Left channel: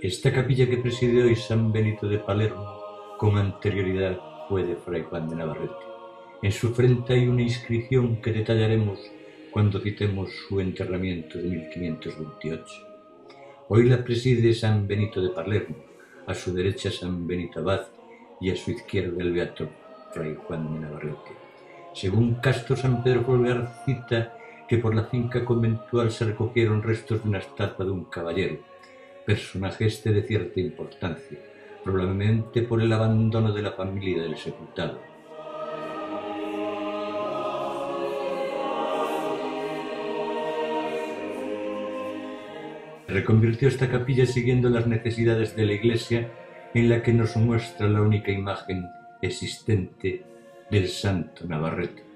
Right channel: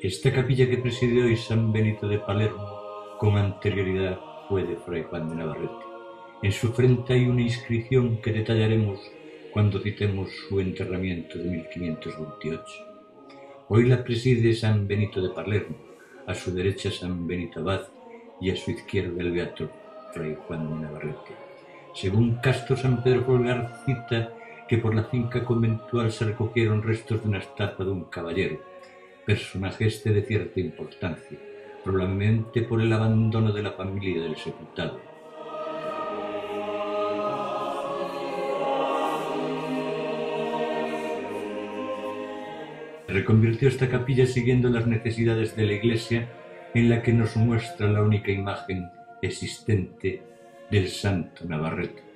Esta capilla que preside hoy San Benito de Palermo con anterioridad fue de Fray Juan de Navarrete. En su frente hay una inscripción que detallaremos cuando citemos su enterramiento de 1528. Hoy la preside San Benito de Palermo, a su derecha San Benito Abad y a su izquierda el beato Fray Juan de Navarrete. Según Castro San Pedro Folgar cita que por la finca conventual se recogieron restos de una estatua de un caballero, personaje este de cierta importancia, probablemente por el abandono de la familia del sepultado. Se reconvirtió esta capilla siguiendo las necesidades de la iglesia, en la que nos muestra la única imagen existente del santo Navarrete.